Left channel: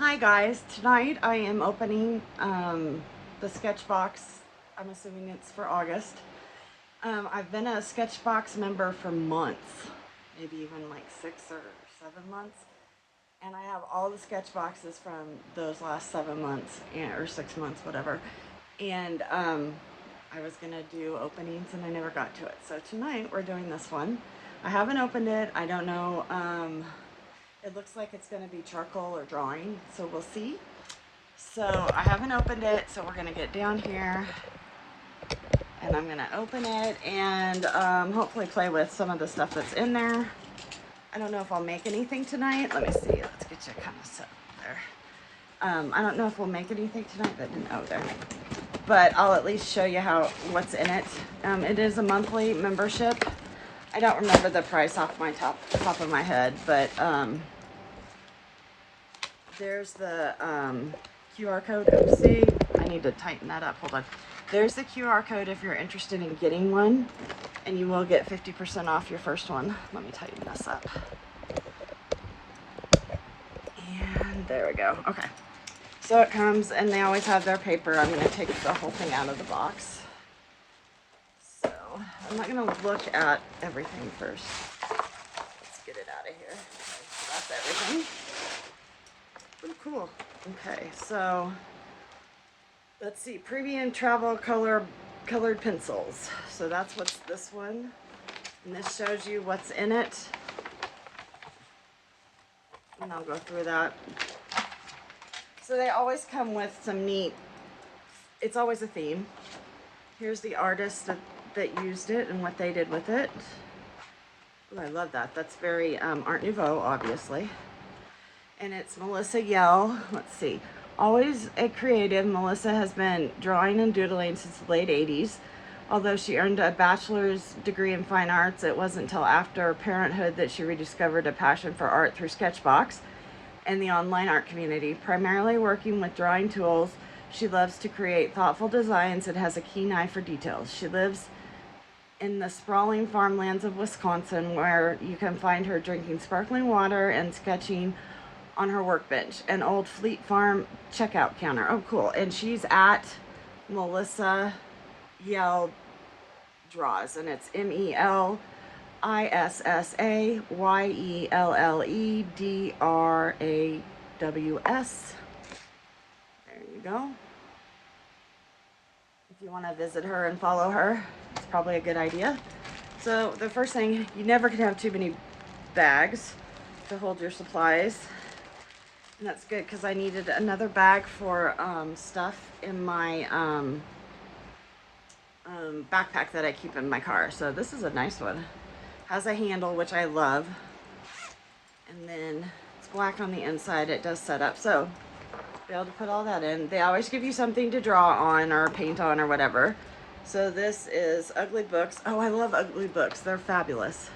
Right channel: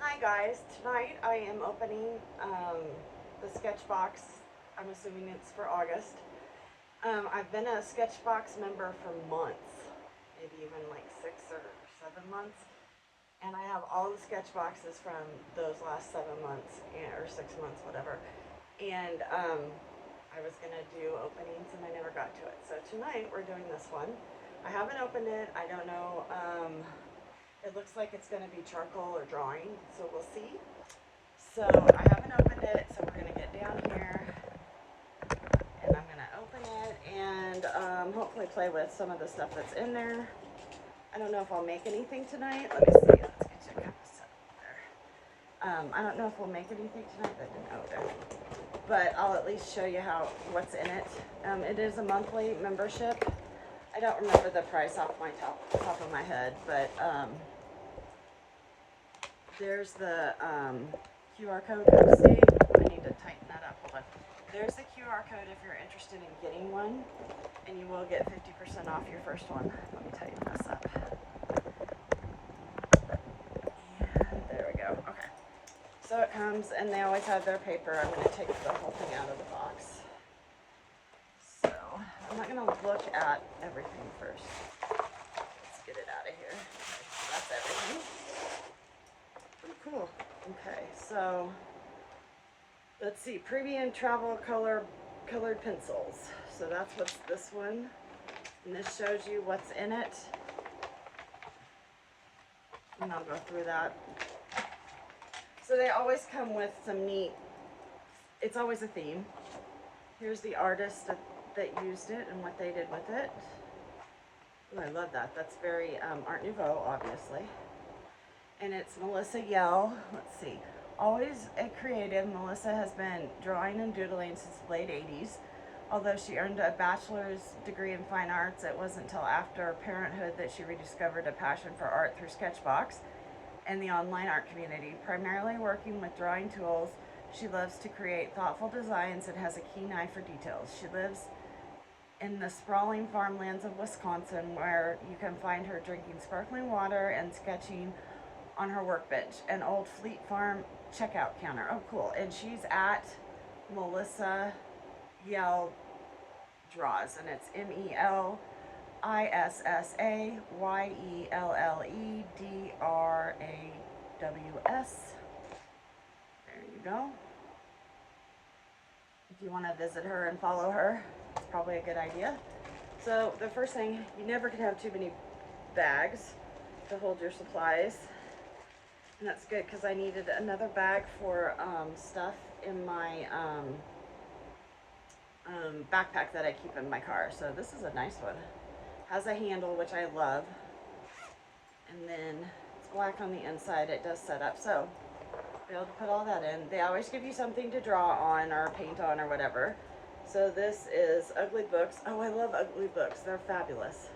Hi guys, tonight I am opening the Sketchbox. I'm assuming it's for August. I've been a Sketchbox member for months, maybe even like 6 or 7 months, and I have all the Sketchboxes from those last 7 months or 6 months, whatever. And I was gonna do openings and I never got to it. So tonight we're doing this one. I haven't opened it. I don't know. It looks like it's going to be charcoal or drawing, so we'll see. So I haven't opened it, so we're going to get down here and I'm going to open it and hopefully play with some of the stuff that's in there. I don't know if I'll make anything tonight. Let me see. Let's get you kind of set there. I don't know if we'll make anything tonight. That didn't, oh, there. But I'll at least show you what's in it. It is a monthly membership. I don't remember the price off my top of my head, but there's the QR code. Oh, see, I need to tighten that up. Hold on. There's the QR code if you're interested in getting one, and you will get 50% off your first one. Let me tighten this up. And there we go. Okay. So it comes, and they always have their paper. I'm going to take the whole thing out of the box. So I'm not going to look at everything first. Let's get it out of here. Okay, so that's everything. Pretty cool. Okay, so let's see. Premium travel colored pencils. So that's what's this one. And this shows you what's in it. And I'll go through that. So they always come with some neat, it's always a theme. Here's the artist that used it and what they did with it. Oh, I love that. That's very Art Nouveau, obviously. And it's Melissa Yell. Let's see. Always a creative, Melissa has been drawing and doodling since the late 80s. Although she earned a bachelor's degree in fine arts, it wasn't until after parenthood that she rediscovered a passion for art through Sketchbox and the online art community. Primarily working with drawing tools, she loves to create thoughtful designs and has a keen eye for details. She lives in the sprawling farmlands of Wisconsin, where you can find her drinking sparkling water and sketching on her workbench, an old Fleet Farm checkout counter. Oh, cool. And she's at Melissa Yell Draws, and it's MELISSAYELLEDRAWS. There you go. If you want to visit her and follow her, it's probably a good idea. So the first thing, you never can have too many bags to hold your supplies. And that's good because I needed another bag for stuff in my backpack that I keep in my car. So this is a nice one. Has a handle, which I love. And then it's black on the inside. It does set up. So be able to put all that in. They always give you something to draw on or paint on or whatever. So this is Ugly Books. Oh, I love Ugly Books. They're fabulous.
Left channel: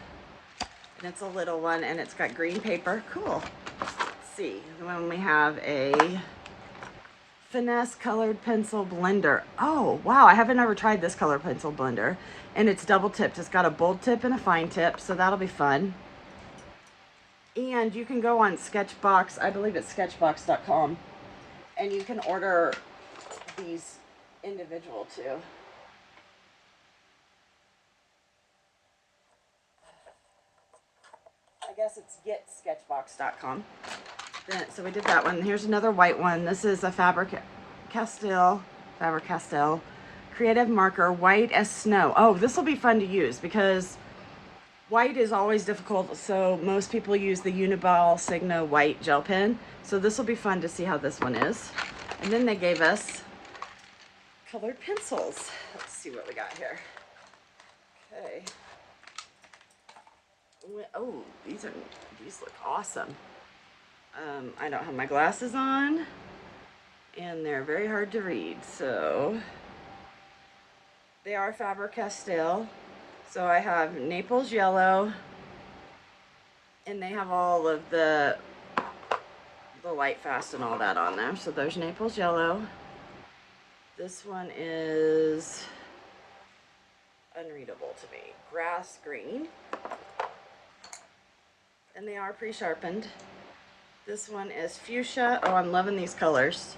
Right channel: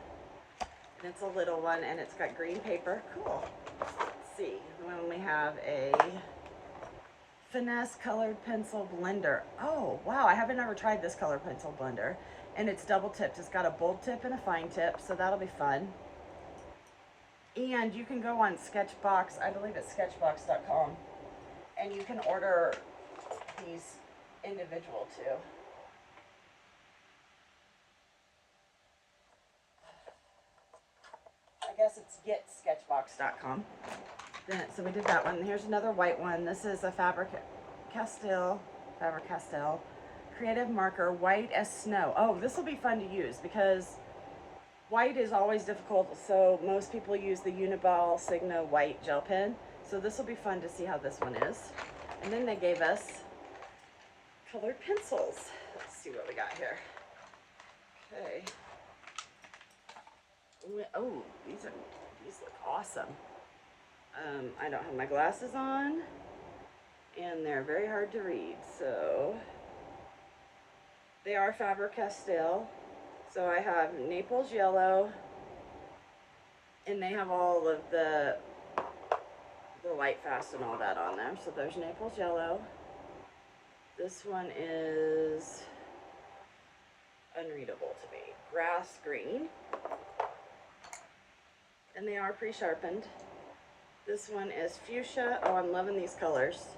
And it's a little one and it's got green paper. Cool. Let's see. Then we have a Finesse colored pencil blender. Oh, wow. I haven't ever tried this color pencil blender. And it's double tipped. It's got a bold tip and a fine tip. So that'll be fun. And you can go on Sketchbox. I believe it's sketchbox.com. And you can order these individual too. I guess it's getsketchbox.com. So we did that one. Here's another white one. This is a Faber-Castell creative marker, white as snow. Oh, this will be fun to use because white is always difficult. So most people use the Uniball Sigma white gel pen. So this will be fun to see how this one is. And then they gave us colored pencils. Let's see what we got here. Okay. Oh, these look awesome. I don't have my glasses on, and they're very hard to read. So they are Faber-Castell. So I have Naples yellow, and they have all of the light fast and all that on there. So there's Naples yellow. This one is unreadable to me. Grass green. And they are pre-sharpened. This one is fuchsia. Oh, I'm loving these colors.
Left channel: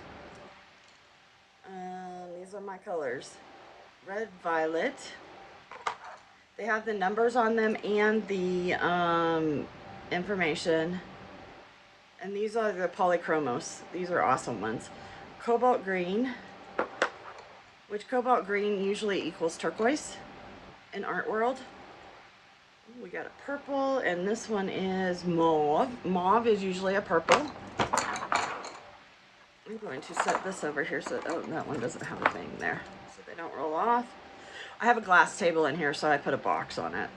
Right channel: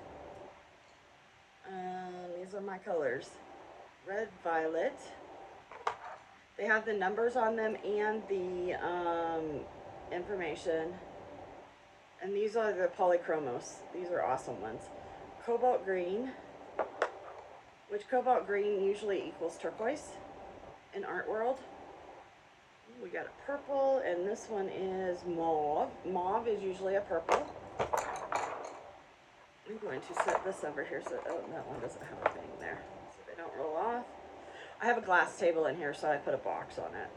These are my colors. Red, violet. They have the numbers on them and the information. And these are the polychromos. These are awesome ones. Cobalt green, which cobalt green usually equals turquoise in art world. We got a purple, and this one is mauve. Mauve is usually a purple. I'm going to set this over here so that one doesn't have a thing there, so they don't roll off. I have a glass table in here, so I put a box on it.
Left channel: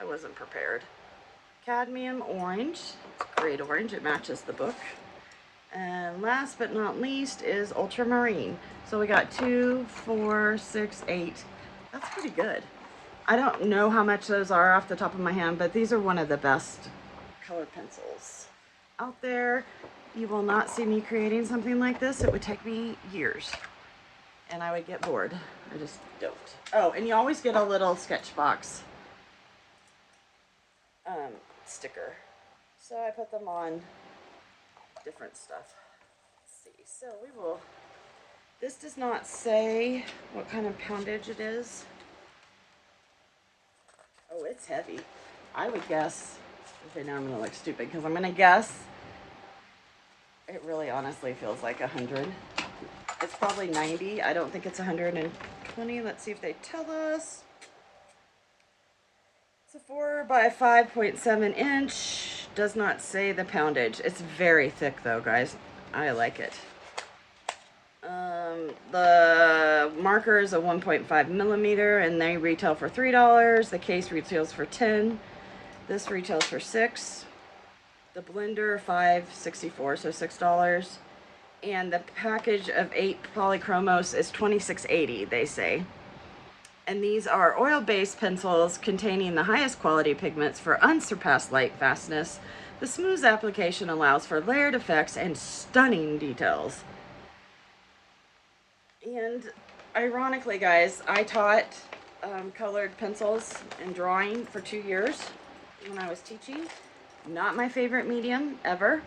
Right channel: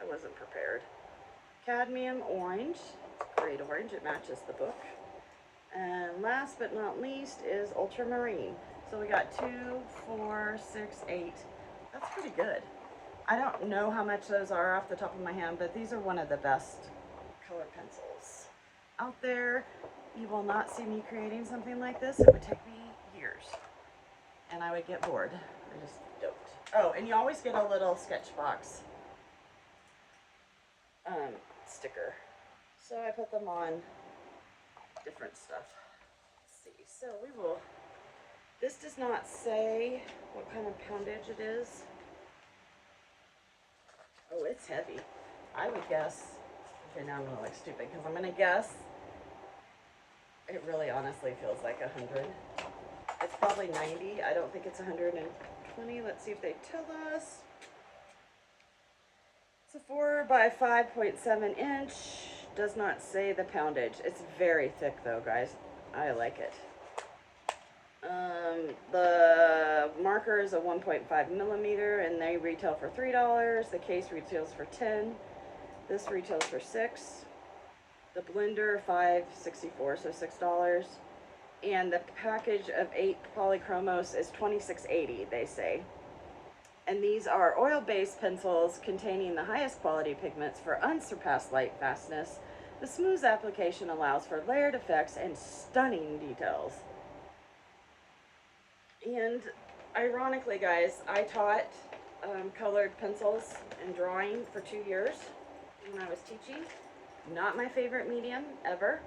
I wasn't prepared. Cadmium orange. It's great orange. It matches the book. And last but not least is ultramarine. So we got 2, 4, 6, 8. That's pretty good. I don't know how much those are off the top of my hand, but these are one of the best colored pencils out there. You will not see me creating something like this. It would take me years and I would get bored. I just don't. Oh, and you always get a little Sketchbox sticker. So I put them on different stuff. Let's see. So we will, this does not say what kind of poundage it is. Oh, it's heavy. I would guess, okay, now I'm gonna look stupid because I'm gonna guess it really honestly feels like 100. It's probably 90. I don't think it's 120. Let's see if they tell us. It's a 4 by 5.7 inch. Does not say the poundage. It's very thick though, guys. I like it. The marker is a 1.5 millimeter and they retail for $3. The case retails for $10. This retails for $6. The blender $5.64, so $6. And the package of 8 polychromos is $26.80, they say. And these are oil-based pencils containing the highest quality pigments for unsurpassed light fastness. The smooth application allows for layered effects and stunning details. And ironically, guys, I taught colored pencils and drawing for 2 years when I was teaching. Not my favorite medium ever.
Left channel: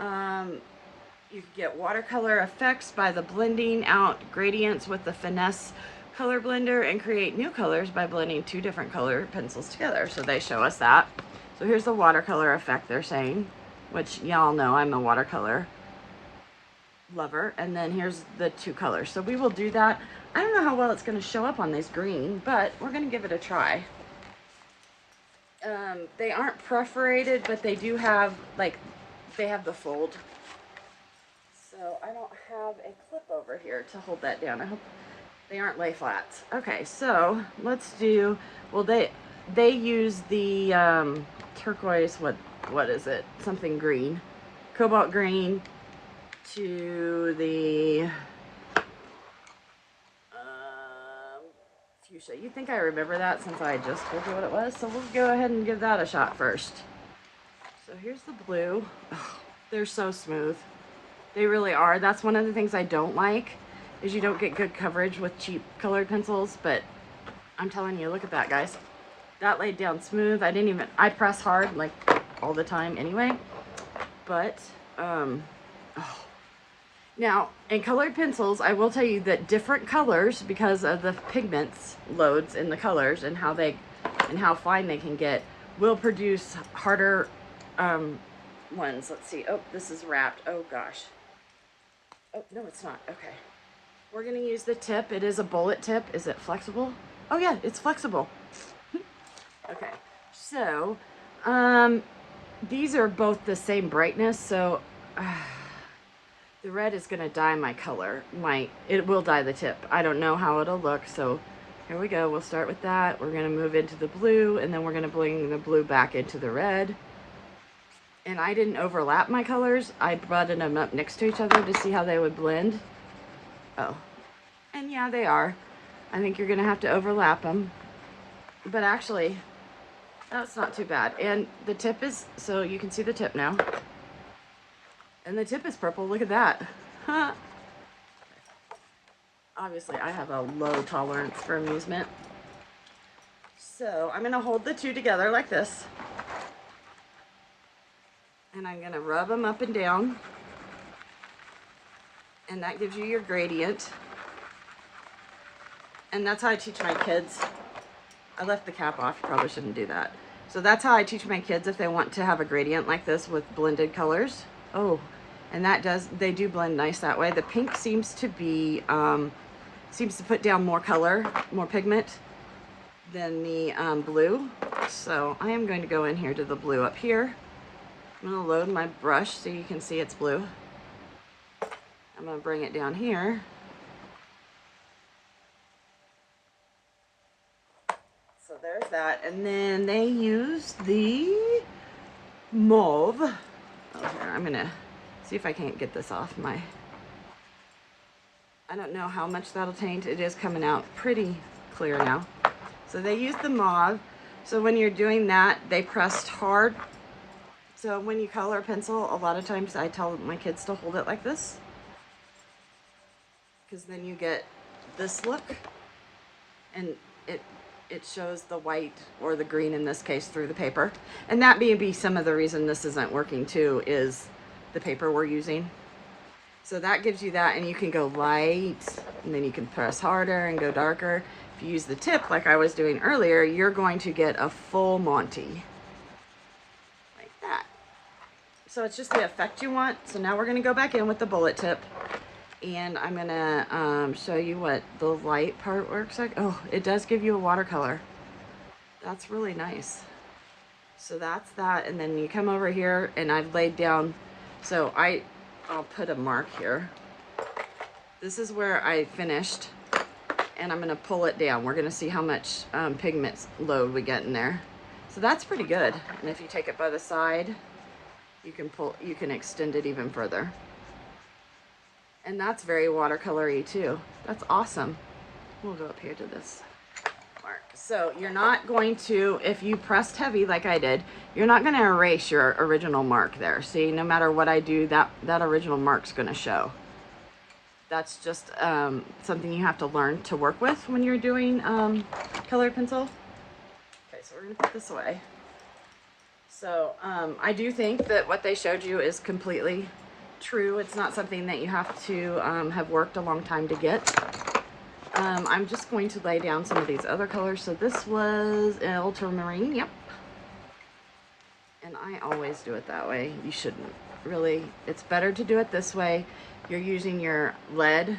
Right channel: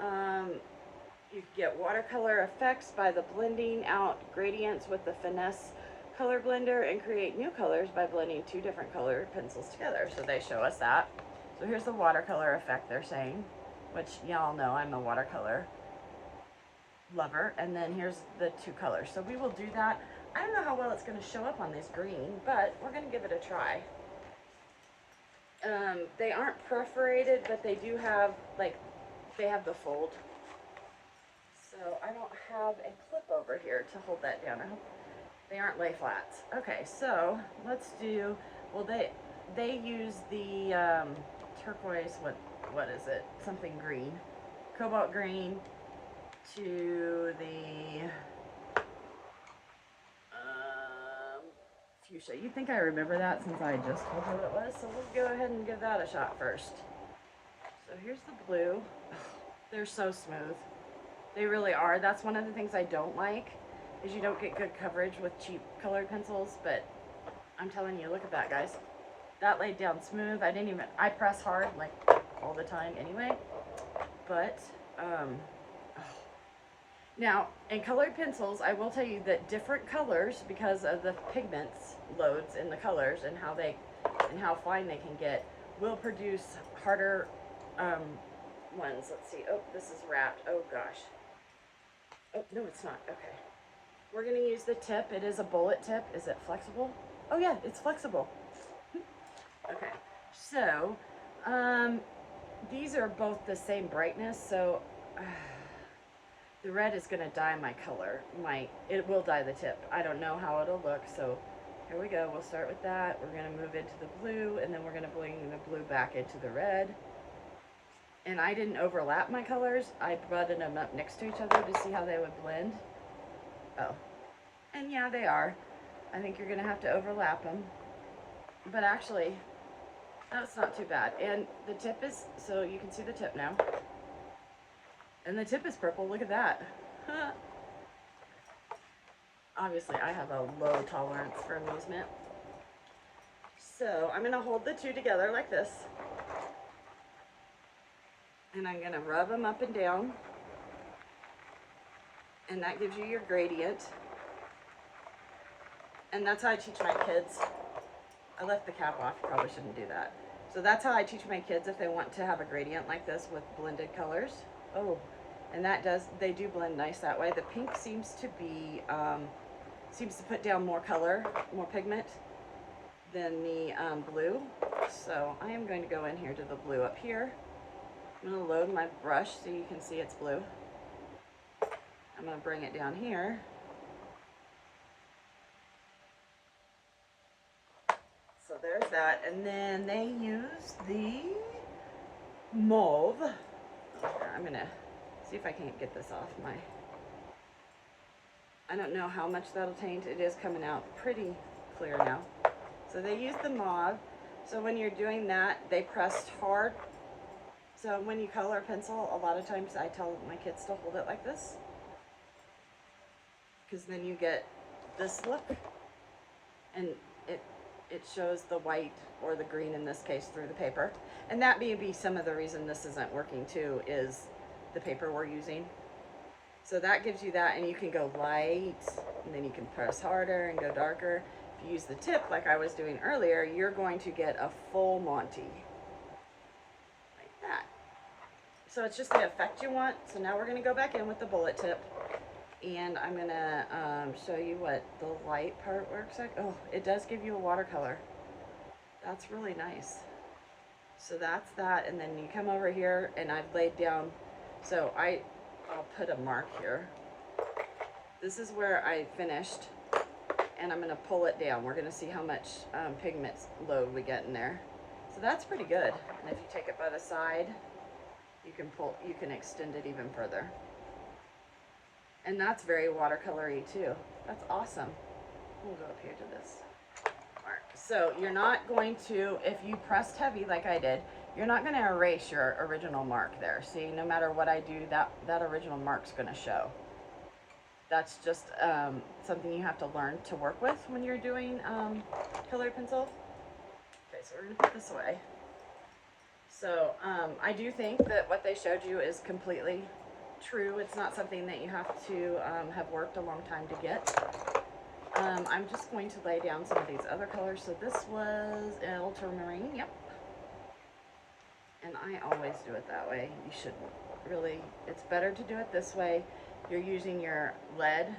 You can get watercolor effects by the blending out gradients with the finesse color blender and create new colors by blending 2 different color pencils together. So they show us that. So here's the watercolor effect they're saying, which y'all know I'm a watercolor lover. And then here's the 2 colors. So we will do that. I don't know how well it's going to show up on this green, but we're going to give it a try. They aren't perforated, but they do have, like, they have the fold. So I don't have a clip over here to hold that down. I hope they aren't lay flats. Okay, so let's do, well, they use the turquoise, what is it? Something green. Cobalt green to the fuchsia. You'd think I remember that since I just told you what it was. So we'll go ahead and give that a shot first. So here's the blue. Oh, they're so smooth. They really are. That's one of the things I don't like, is you don't get good coverage with cheap colored pencils, but I'm telling you, look at that, guys. That laid down smooth. I press hard like all the time anyway, but oh. Now, in colored pencils, I will tell you that different colors, because of the pigments loads in the colors and how fine they can get, will produce harder ones. Let's see. Oh, this is wrapped. Oh gosh. Oh, no, it's not. Okay. We're going to use the tip. It is a bullet tip. Is it flexible? Oh yeah, it's flexible. Okay. So, these are both the same brightness, so the red is going to dye my color. It will dye the tip. I don't know how it'll look, so here we go. We'll start with that. We're going to move into the blue, and then we're going to bring the blue back into the red. And I didn't overlap my colors. I buttoned them up next to each other to see how they would blend. Oh, and yeah, they are. I think you're going to have to overlap them. But actually, that's not too bad. And the tip is, so you can see the tip now. And the tip is purple. Look at that. Obviously, I have a low tolerance for amusement. So I'm going to hold the 2 together like this. And I'm gonna rub them up and down. And that gives you your gradient. And that's how I teach my kids. I left the cap off, probably shouldn't do that. So that's how I teach my kids if they want to have a gradient like this with blended colors. Oh, and they do blend nice that way. The pink seems to be, seems to put down more color, more pigment than the blue. So I am going to go in here to the blue up here. I'm gonna load my brush so you can see it's blue. I'm gonna bring it down here. So there's that. And then they use the mauve. Oh, here, I'm gonna see if I can't get this off my, I don't know how much that'll taint. It is coming out pretty clear now. So they use the mauve. So when you're doing that, they pressed hard. So when you color a pencil, a lot of times I tell my kids to hold it like this, because then you get this look, and it shows the white, or the green in this case, through the paper. And that may be some of the reason this isn't working too, is the paper we're using. So that gives you that, and you can go light, and then you can press harder and go darker. If you use the tip like I was doing earlier, you're going to get a full Monty. Like that. So it's just the effect you want. So now we're gonna go back in with the bullet tip, and I'm gonna show you what the light part works like. Oh, it does give you a watercolor. That's really nice. So that's that, and then you come over here, and I've laid down, so I'll put a mark here. This is where I finished, and I'm gonna pull it down. We're gonna see how much pigment load we get in there. So that's pretty good. And if you take it by the side, you can extend it even further. And that's very watercolory too. That's awesome. We'll go up here to this mark. So you're not going to, if you pressed heavy like I did, you're not gonna erase your original mark there. See, no matter what I do, that original mark's gonna show. That's just something you have to learn to work with when you're doing colored pencil. Okay, so we're gonna put this away. So I do think that what they showed you is completely true. It's not something that you have to have worked a long time to get. I'm just going to lay down some of these other colors. So this was ultramarine, yep. And I always do it that way. You shouldn't really. It's better to do it this way. You're using your lead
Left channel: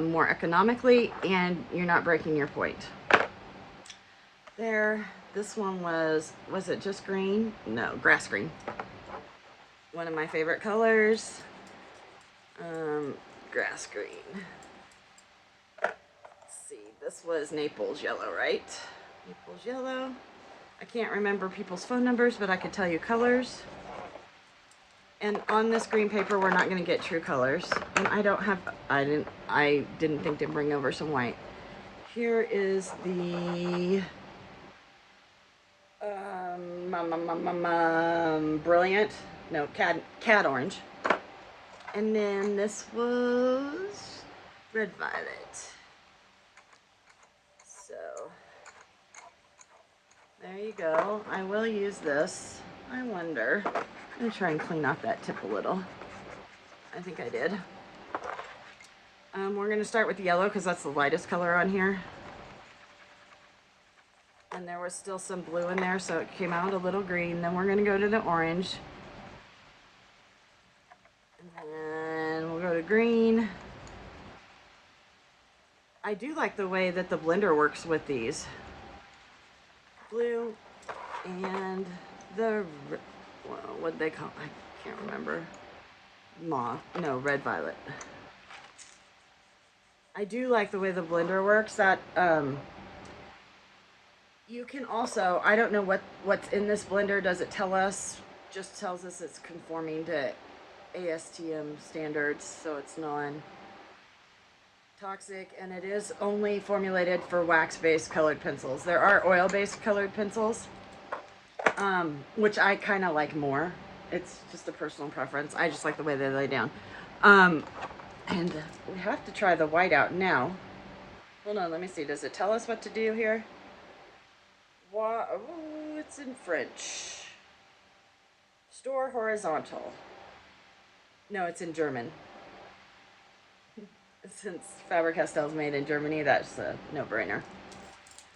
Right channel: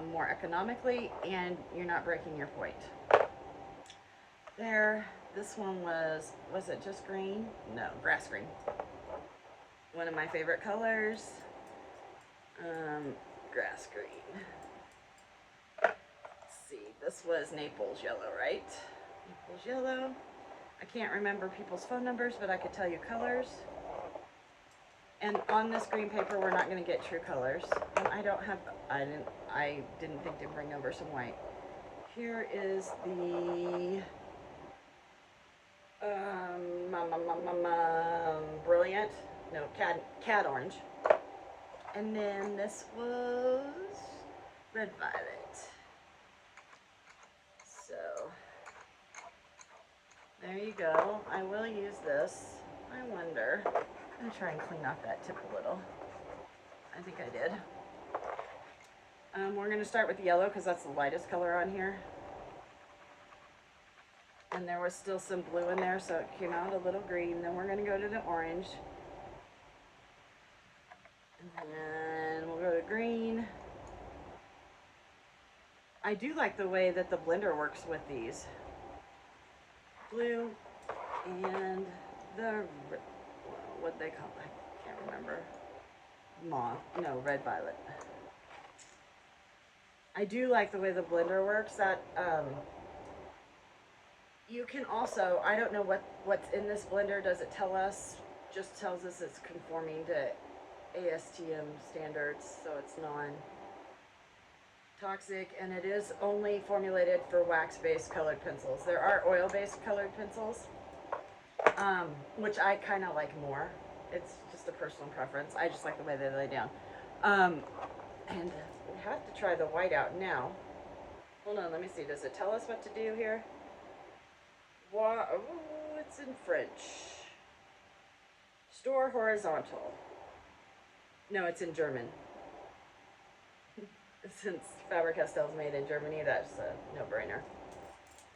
more economically, and you're not breaking your point. There, this one was it just green? No, grass green. One of my favorite colors. Grass green. Let's see, this was Naples yellow, right? Naples yellow. I can't remember people's phone numbers, but I could tell you colors. And on this green paper, we're not going to get true colors. And I didn't think to bring over some white. Here is the brilliant, no, cad orange. And then this was red violet. So there you go. I will use this. I wonder. I'm gonna try and clean off that tip a little. I think I did. We're gonna start with yellow because that's the lightest color on here. And there was still some blue in there, so it came out a little green. Then we're gonna go to the orange. And then we'll go to green. I do like the way that the blender works with these. Blue and the, what'd they call, I can't remember. Red violet. I do like the way the blender works. That you can also, I don't know what's in this blender. Does it tell us? Just tells us it's conforming to ASTM standards, so it's non-toxic, and it is only formulated for wax-based colored pencils. There are oil-based colored pencils, which I kind of like more. It's just a personal preference. I just like the way they lay down. And we have to try the white out now. Hold on, let me see. Does it tell us what to do here? Oh, it's in French. Store horizontal. No, it's in German. Since Faber-Castell is made in Germany, that's a no-brainer.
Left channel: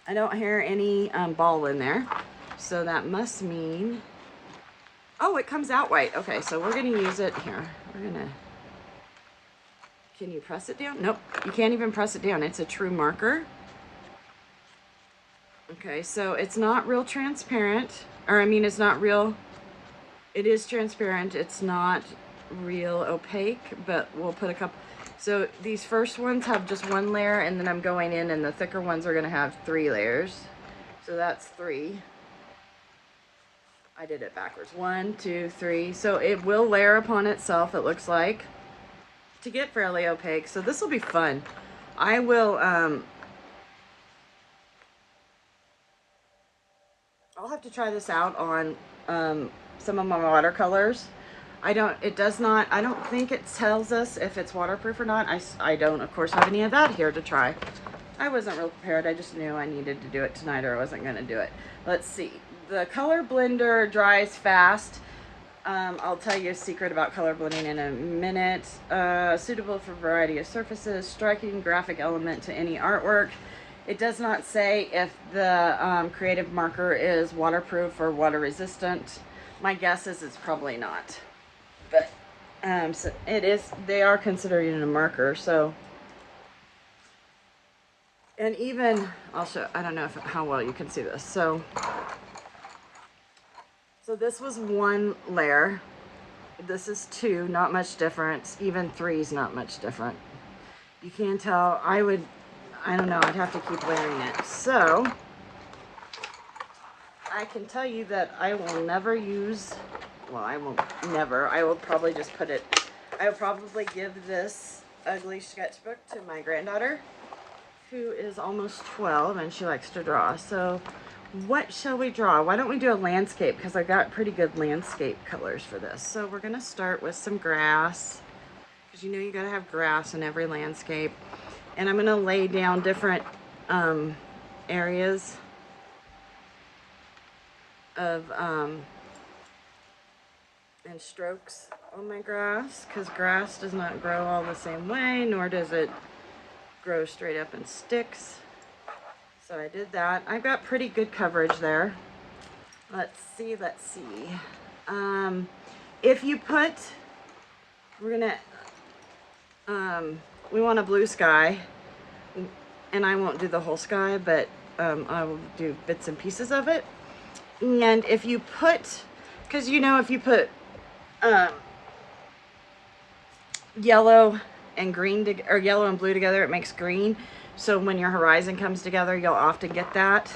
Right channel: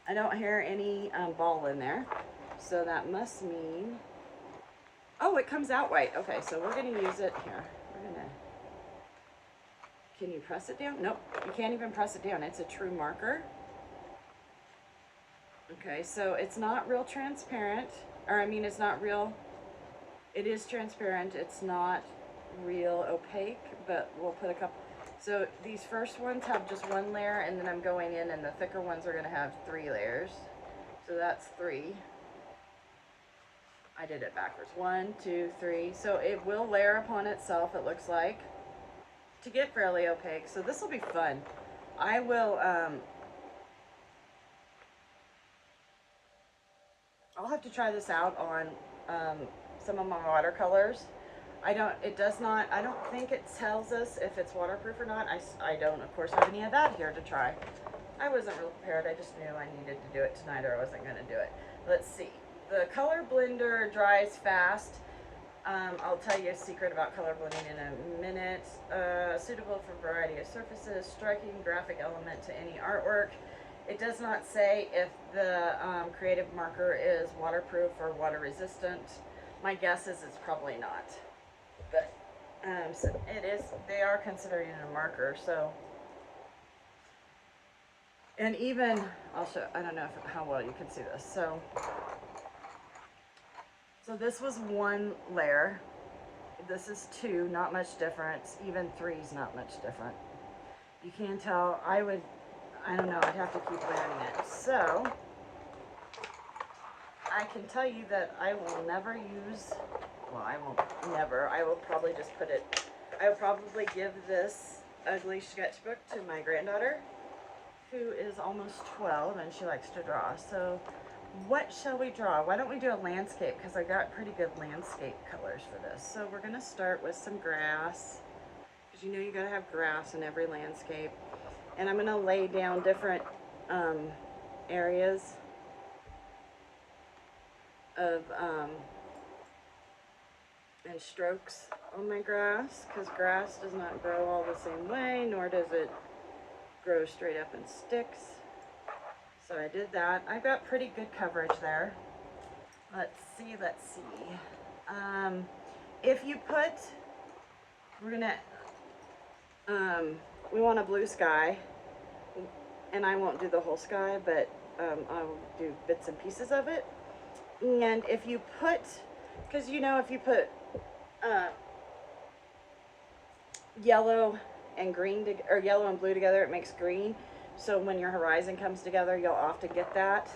I don't hear any ball in there, so that must mean, oh, it comes out white. Okay, so we're gonna use it here. We're gonna, can you press it down? Nope, you can't even press it down. It's a true marker. Okay, so it's not real transparent, or I mean, it's not real, it is transparent. It's not real opaque, but we'll put a couple. So these first ones have just one layer, and then I'm going in, and the thicker ones are gonna have 3 layers. So that's 3. I did it backwards. 1, 2, 3. So it will layer upon itself, it looks like, to get fairly opaque. So this will be fun. I will, I'll have to try this out on some of my watercolors. I don't think it tells us if it's waterproof or not. I don't, of course, have any of that here to try. I wasn't real prepared. I just knew I needed to do it tonight or I wasn't going to do it. Let's see. The color blender dries fast. I'll tell you a secret about color blending in a minute. Suitable for a variety of surfaces. Striking graphic element to any artwork. It does not say if the creative marker is waterproof or water resistant. My guess is it's probably not. But so it is, they are considered a marker, so. And even, I'll show, I don't know how well you can see this. So this was 1 layer. This is 2, not much difference. Even 3 is not much different. You can tell, I don't know, I'd have to keep layering it. So I can tell you that I will never use, well, I won't never, I will probably just put it, I will probably give this ugly sketchbook to my granddaughter, who is almost 12 and she likes to draw. So what shall we draw? Why don't we do a landscape, because I got pretty good landscape colors for this. So we're gonna start with some grass, because you know you gotta have grass in every landscape. And I'm gonna lay down different areas of and strokes on my grass, because grass does not grow all the same way, nor does it grow straight up in sticks. So I did that. I've got pretty good coverage there. Let's see. If you put, we're gonna, we want a blue sky, and I won't do the whole sky, but I will do bits and pieces of it. And if you put, because you know, if you put yellow and green or yellow and blue together, it makes green. So when your horizon comes together, you'll often get that.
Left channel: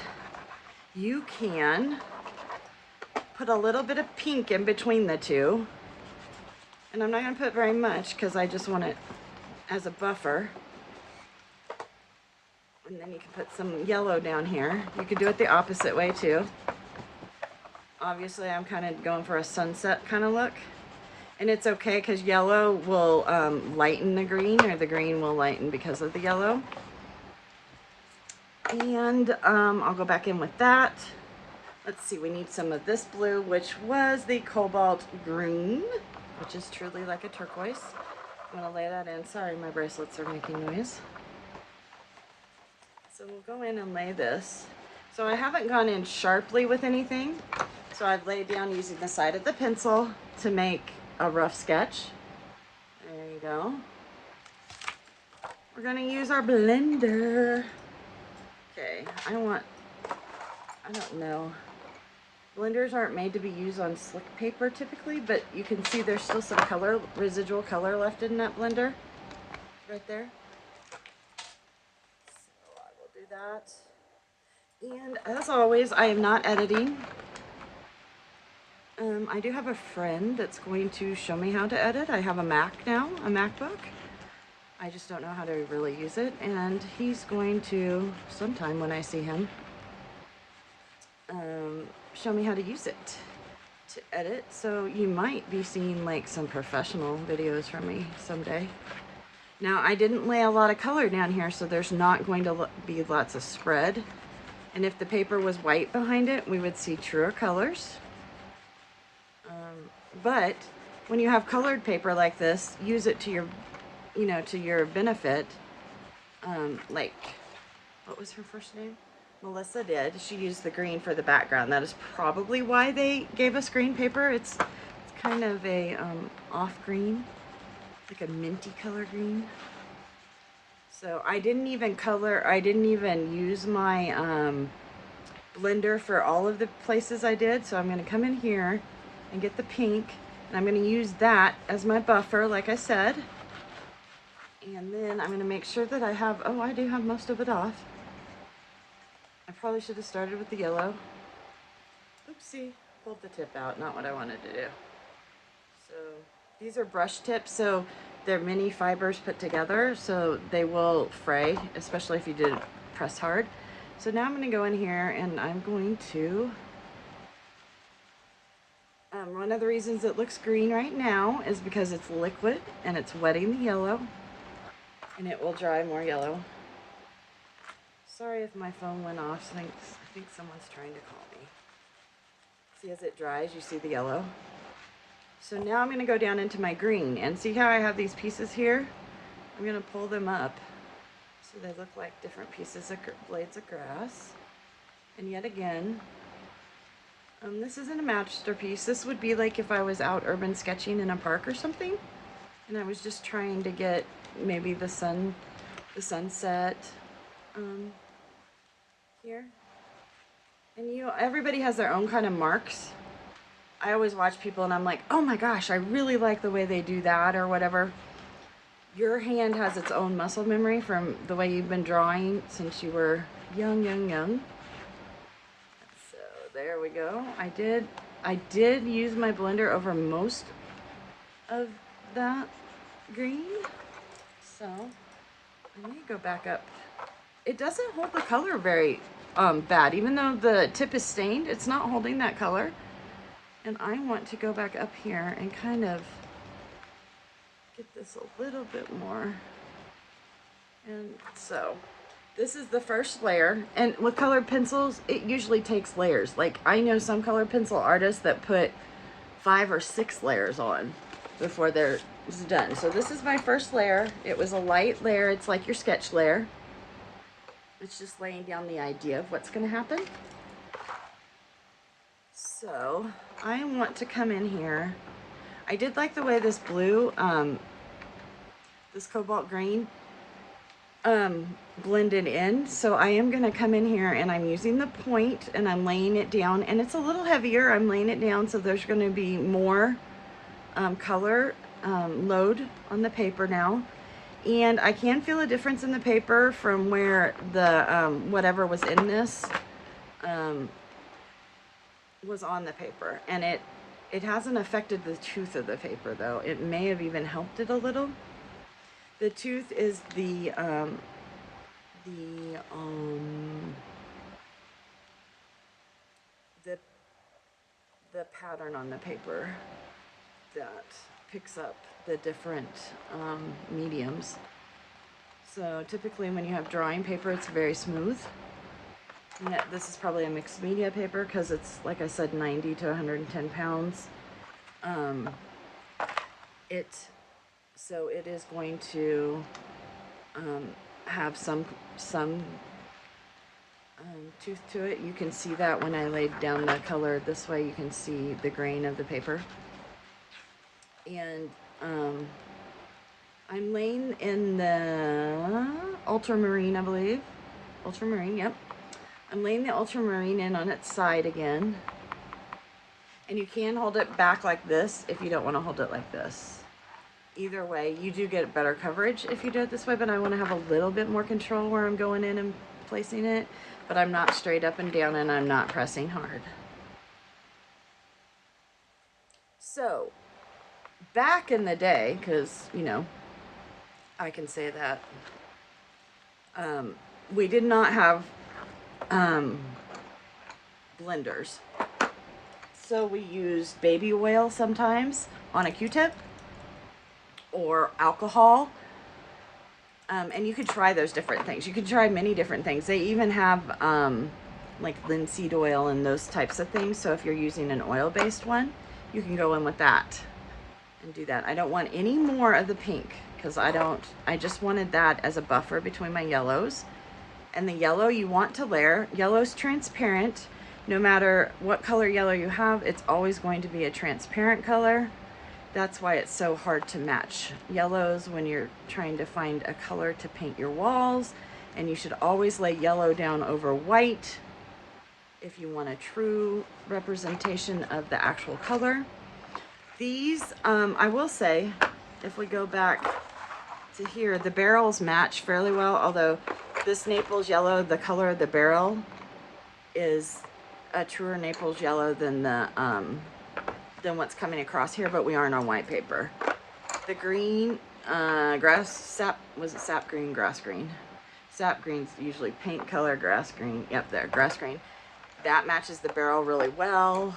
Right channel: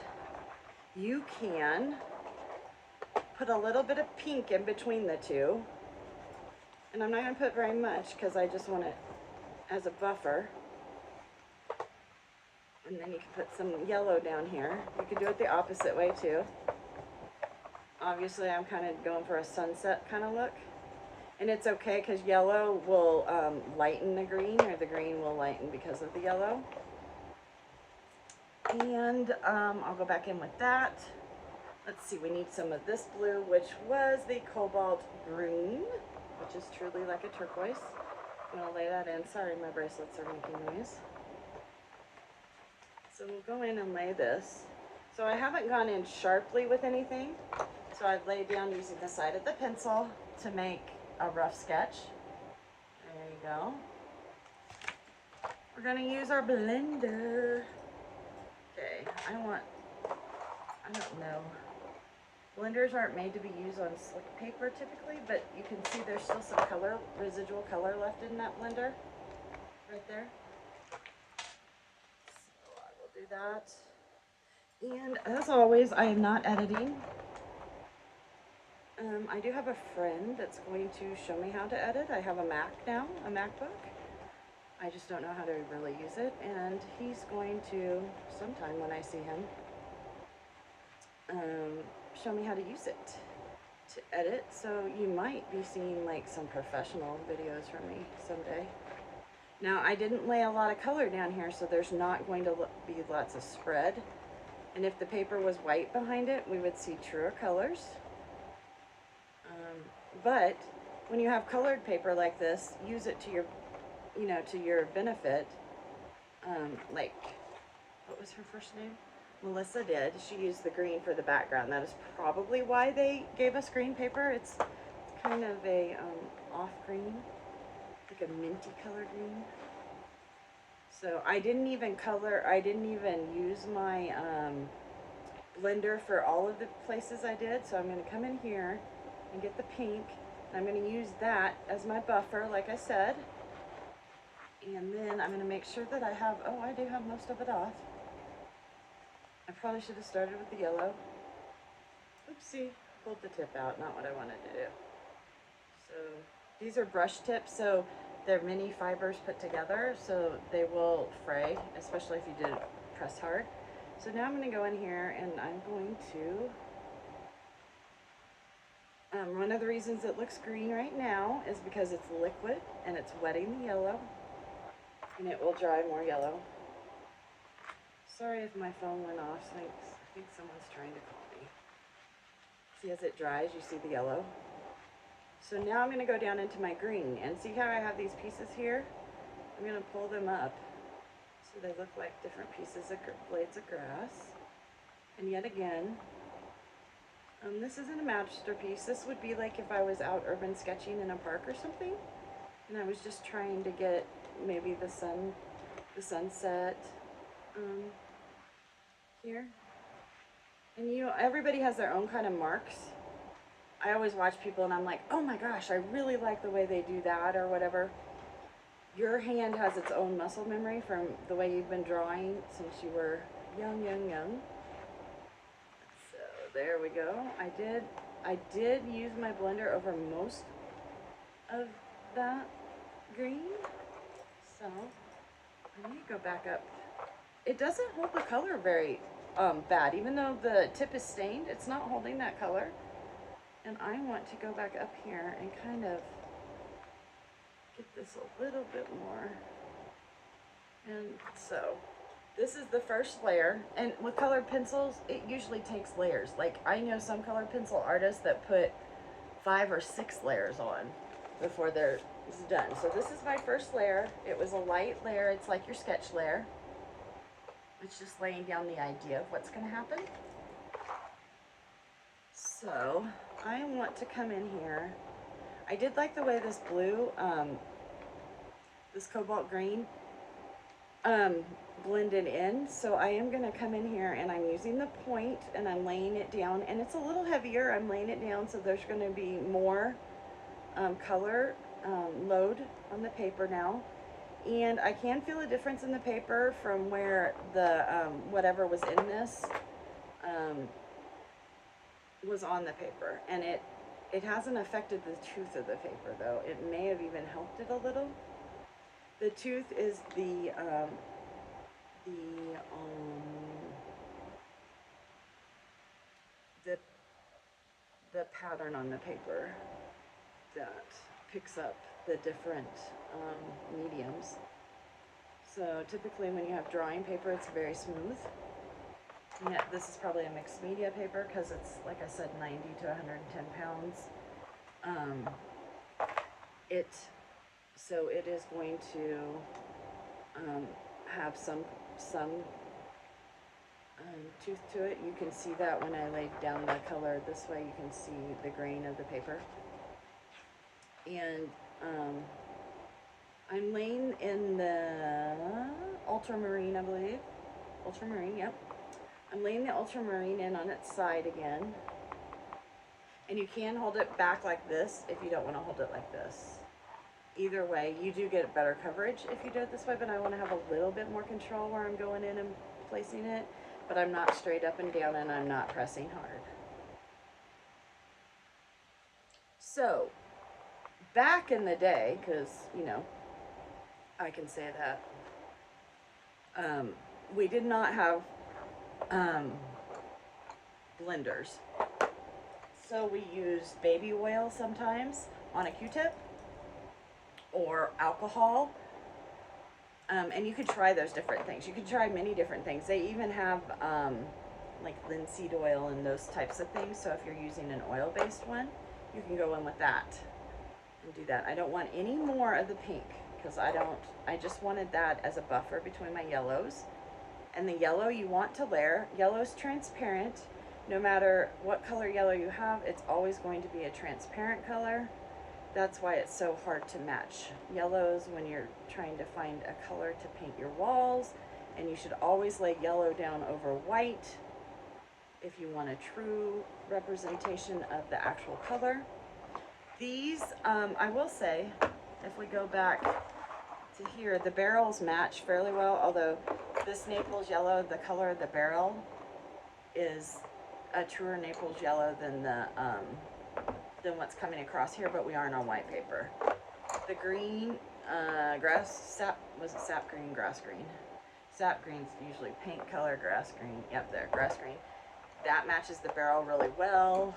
You can put a little bit of pink in between the two, and I'm not going to put very much because I just want it as a buffer. And then you can put some yellow down here. You could do it the opposite way too. Obviously I'm kind of going for a sunset kind of look. And it's okay because yellow will lighten the green, or the green will lighten because of the yellow. And I'll go back in with that. Let's see, we need some of this blue, which was the cobalt green, which is truly like a turquoise. I'm gonna lay that in. Sorry, my bracelets are making noise. So we'll go in and lay this. So I haven't gone in sharply with anything. So I've laid down using the side of the pencil to make a rough sketch. There you go. We're gonna use our blender. Okay, I don't know. Blenders aren't made to be used on slick paper typically, but you can see there's still some color, residual color left in that blender. Right there. So I will do that. And as always, I am not editing. I do have a friend that's going to show me how to edit. I have a Mac now, a MacBook. I just don't know how to really use it, and he's going to, sometime when I see him, show me how to use it to edit. So you might be seeing like some professional videos from me someday. Now I didn't lay a lot of color down here, so there's not going to be lots of spread. And if the paper was white behind it, we would see truer colors. But when you have colored paper like this, use it to your, you know, to your benefit. Like, what was her first name? Melissa did. She used the green for the background. That is probably why they gave us green paper. It's kind of a off green, like a minty color green. So I didn't even use my blender for all of the places I did. So I'm going to come in here and get the pink, and I'm going to use that as my buffer, like I said. And then I'm going to make sure that I have, oh, I do have most of it off. I probably should have started with the yellow. Oopsie, pulled the tip out, not what I wanted to do. So these are brush tips, so they're mini fibers put together, so they will fray, especially if you did press hard. So now I'm going to go in here and I'm going to, one of the reasons it looks green right now is because it's liquid and it's wetting the yellow, and it will dry more yellow. Sorry if my phone went off. I think someone's trying to call me. See, as it dries, you see the yellow. So now I'm going to go down into my green, and see how I have these pieces here? I'm going to pull them up so they look like different pieces of blades of grass. And yet again, this isn't a masterpiece. This would be like if I was out urban sketching in a park or something, and I was just trying to get maybe the sunset here. And you know, everybody has their own kind of marks. I always watch people and I'm like, oh my gosh, I really like the way they do that or whatever. Your hand has its own muscle memory from the way you've been drawing since you were young. So there we go. I did use my blender over most of that green. So let me go back up. It doesn't hold the color very bad. Even though the tip is stained, it's not holding that color. And I want to go back up here and kind of get this a little bit more. And so this is the first layer. And with colored pencils, it usually takes layers. Like, I know some colored pencil artists that put 5 or 6 layers on before they're done. So this is my first layer. It was a light layer. It's like your sketch layer. It's just laying down the idea of what's going to happen. So I want to come in here. I did like the way this blue, this cobalt green, blended in. So I am going to come in here and I'm using the point and I'm laying it down, and it's a little heavier. I'm laying it down so there's going to be more color load on the paper now. And I can feel a difference in the paper from where the whatever was in this was on the paper, and it hasn't affected the tooth of the paper though. It may have even helped it a little. The tooth is the pattern on the paper that picks up the different mediums. So typically when you have drawing paper, it's very smooth. And this is probably a mixed media paper because it's, like I said, 90 to 110 pounds. So it is going to have some tooth to it. You can see that when I laid down the color this way, you can see the grain of the paper. And I'm laying in the ultramarine, I believe. Ultramarine, yep. I'm laying the ultramarine in on its side again. And you can hold it back like this if you don't want to hold it like this. Either way, you do get better coverage if you do it this way, but I want to have a little bit more control where I'm going in and placing it, but I'm not straight up and down and I'm not pressing hard. So, back in the day, because, you know, I can say that, we did not have blenders. So we use baby oil sometimes on a Q-tip or alcohol. And you could try those different things. You could try many different things. They even have like linseed oil and those types of things. So if you're using an oil-based one, you can go in with that and do that. I don't want any more of the pink because I just wanted that as a buffer between my yellows. And the yellow you want to layer, yellow's transparent. No matter what color yellow you have, it's always going to be a transparent color. That's why it's so hard to match yellows when you're trying to find a color to paint your walls. And you should always lay yellow down over white if you want a true representation of the actual color. These, I will say, if we go back to here, the barrels match fairly well, although this Naples yellow, the color of the barrel is a truer Naples yellow than what's coming across here, but we aren't on white paper. The green, sap green, grass green. Sap green's usually paint color, grass green, yep, there, grass green. That matches the barrel really well.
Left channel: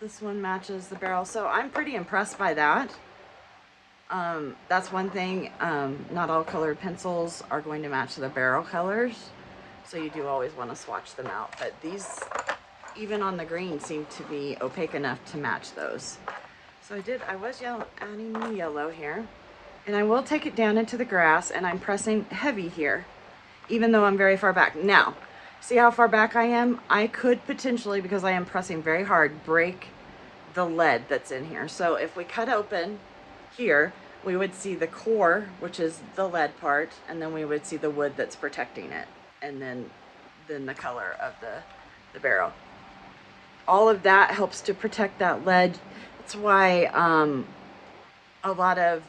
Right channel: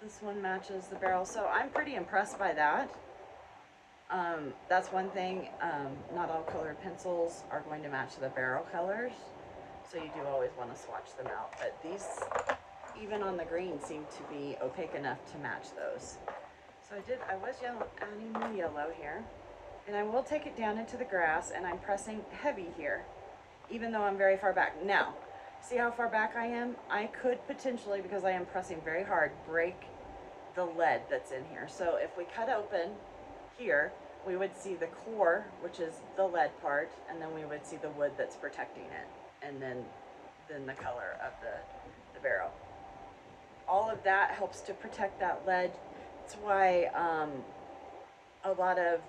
This one matches the barrel, so I'm pretty impressed by that. That's one thing, not all colored pencils are going to match the barrel colors, so you do always want to swatch them out, but these, even on the green, seem to be opaque enough to match those. So I was adding the yellow here, and I will take it down into the grass, and I'm pressing heavy here, even though I'm very far back. Now, see how far back I am? I could potentially, because I am pressing very hard, break the lead that's in here. So if we cut open here, we would see the core, which is the lead part, and then we would see the wood that's protecting it, and then the color of the barrel. All of that helps to protect that lead. That's why a lot of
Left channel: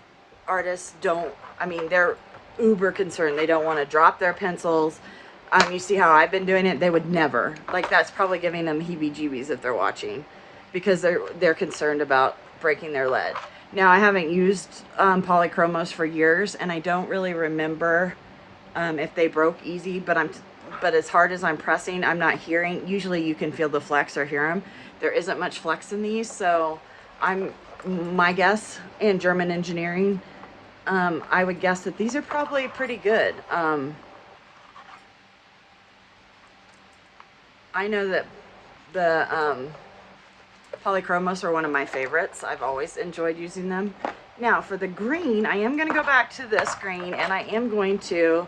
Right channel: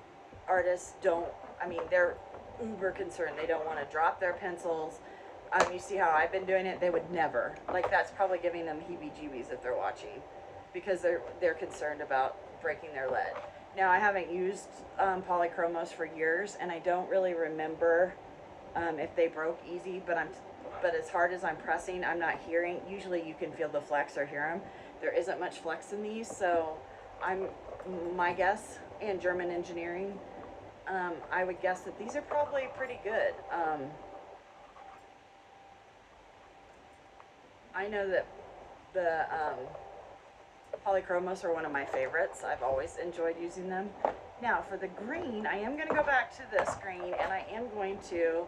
artists they're uber concerned. They don't want to drop their pencils. You see how I've been doing it? They would never. Like, that's probably giving them heebie-jeebies if they're watching, because they're concerned about breaking their lead. Now, I haven't used polychromos for years, and I don't really remember if they broke easy, but as hard as I'm pressing, I'm not hearing. Usually you can feel the flex or hear them. There isn't much flex in these, so my guess in German engineering, I would guess that these are probably pretty good. I know that the polychromos are one of my favorites. I've always enjoyed using them. Now for the green, I am going to go back to this green, and I am going to,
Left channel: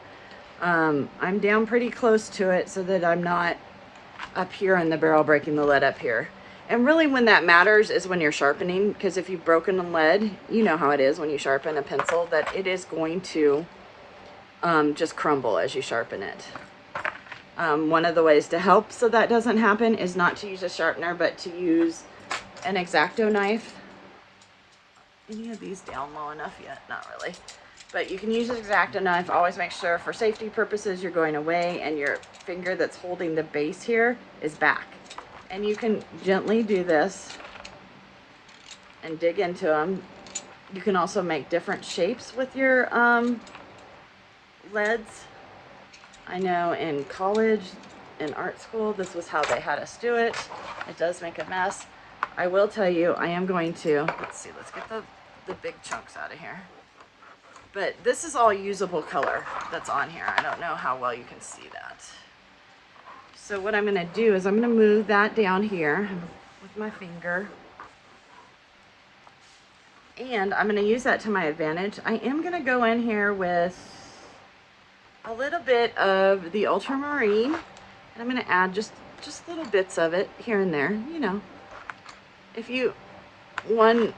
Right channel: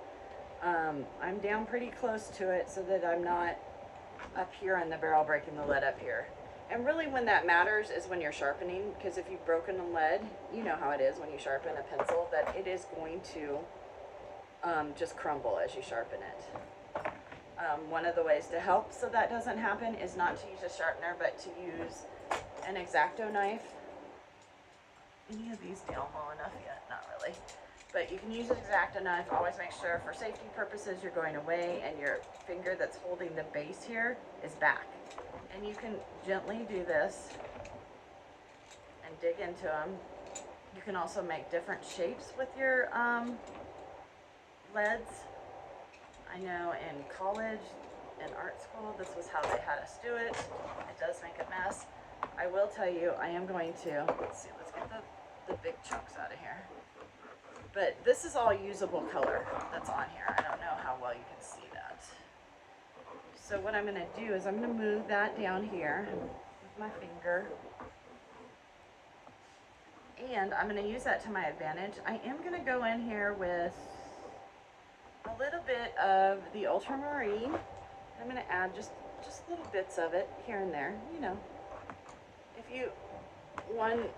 I'm down pretty close to it so that I'm not up here in the barrel breaking the lead up here. And really when that matters is when you're sharpening, because if you've broken the lead, you know how it is when you sharpen a pencil, that it is going to just crumble as you sharpen it. One of the ways to help so that doesn't happen is not to use a sharpener, but to use an X-Acto knife. Any of these down low enough yet? Not really. But you can use an X-Acto knife. Always make sure for safety purposes you're going away and your finger that's holding the base here is back. And you can gently do this and dig into them. You can also make different shapes with your leads. I know in college, in art school, this was how they had us do it. It does make a mess. I will tell you, I am going to, let's get the big chunks out of here. But this is all usable color that's on here. I don't know how well you can see that. So what I'm gonna do is I'm gonna move that down here with my finger. And I'm gonna use that to my advantage. I am gonna go in here with a little bit of the ultramarine, and I'm going to add just little bits of it here and there. You know,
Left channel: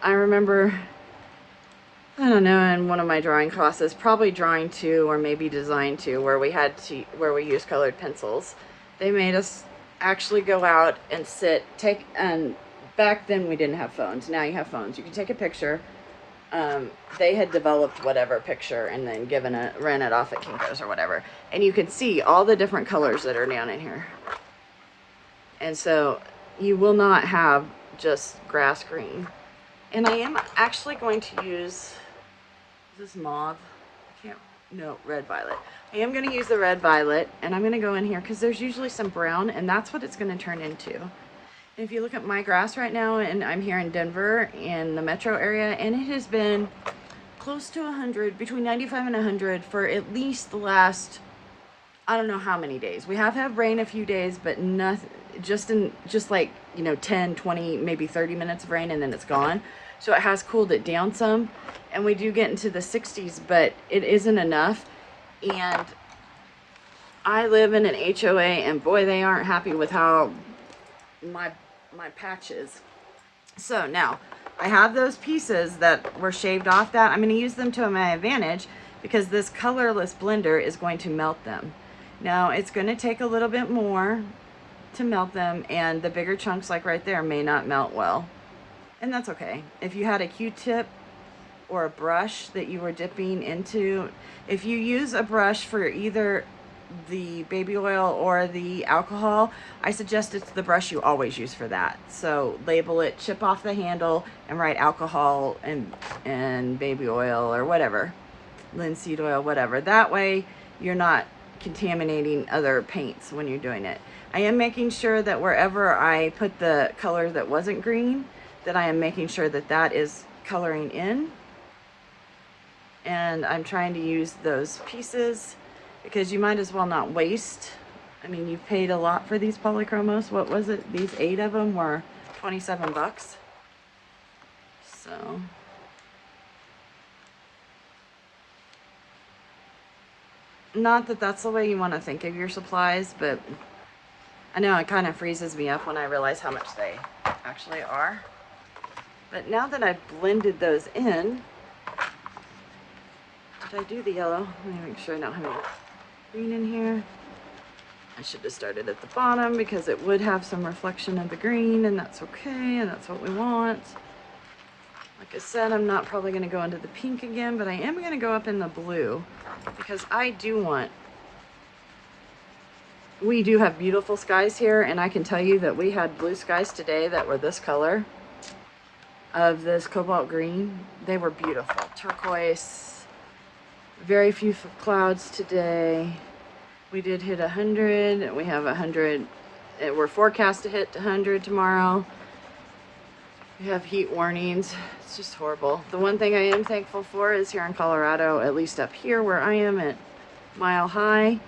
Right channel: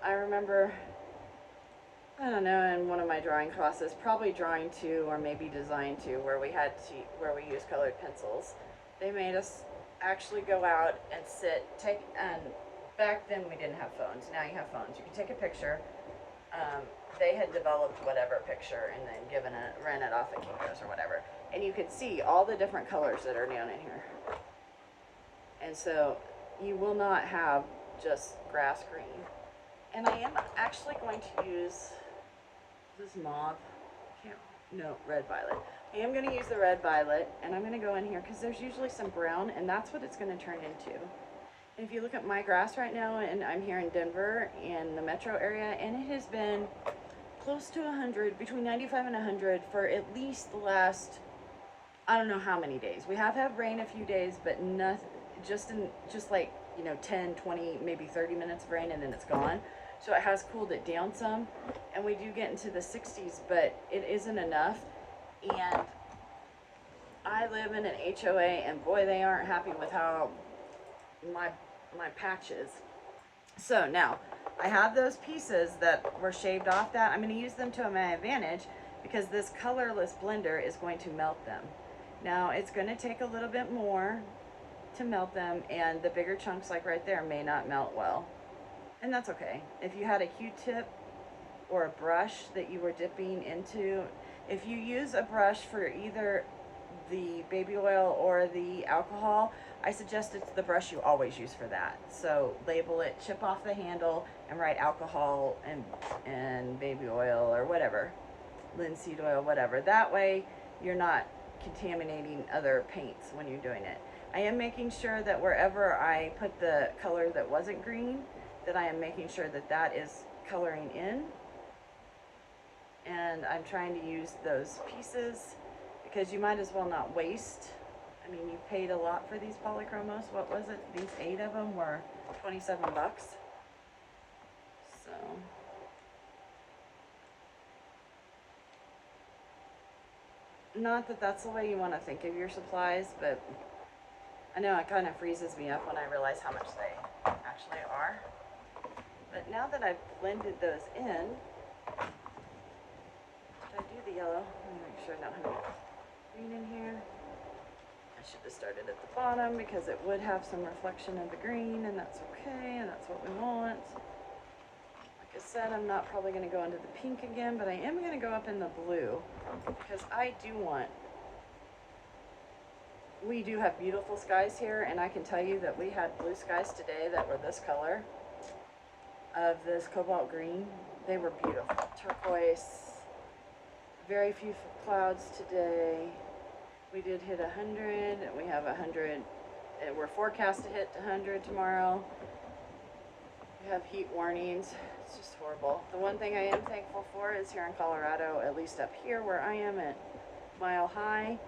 I remember, I don't know, in one of my drawing classes, probably drawing 2 or maybe design 2, where we used colored pencils. They made us actually go out and and back then we didn't have phones. Now you have phones. You can take a picture. They had developed whatever picture and then ran it off at Kinko's or whatever. And you can see all the different colors that are down in here. And so you will not have just grass green. And I am actually going to use this mauve. Red violet. I am going to use the red violet, and I'm going to go in here because there's usually some brown, and that's what it's going to turn into. If you look at my grass right now, and I'm here in Denver in the metro area, and it has been close to 100, between 95 and 100 for at least the last, I don't know how many days. We have had rain a few days, but nothing, just like you know, 10, 20, maybe 30 minutes of rain and then it's gone. So it has cooled it down some, and we do get into the 60s, but it isn't enough. And I live in an HOA, and boy, they aren't happy with how my patch is. So now I have those pieces that were shaved off that I'm going to use them to my advantage, because this colorless blender is going to melt them. Now it's going to take a little bit more to melt them, and the bigger chunks like right there may not melt well, and that's okay. If you had a Q-tip or a brush that you were dipping into, if you use a brush for either the baby oil or the alcohol, I suggest it's the brush you always use for that. So label it, chip off the handle, and write alcohol and baby oil or whatever, linseed oil, whatever. That way you're not contaminating other paints when you're doing it. I am making sure that wherever I put the color that wasn't green, that I am making sure that that is coloring in. And I'm trying to use those pieces, because you might as well not waste. I mean, you paid a lot for these polychromos. What was it? These 8 of them were 27 bucks. So not that that's the way you want to think of your supplies, but I know it kind of freezes me up when I realize how much they actually are. But now that I've blended those in, did I do the yellow? Let me make sure I don't have any green in here. I should have started at the bottom, because it would have some reflection of the green, and that's okay, and that's what we want. Like I said, I'm not probably going to go into the pink again, but I am going to go up in the blue, because I do want, we do have beautiful skies here, and I can tell you that we had blue skies today that were this color of this cobalt green. They were beautiful. Turquoise. Very few clouds today. We did hit 100. We have 100. We're forecast to hit 100 tomorrow. We have heat warnings. It's just horrible. The one thing I am thankful for is here in Colorado, at least up here where I am at Mile High,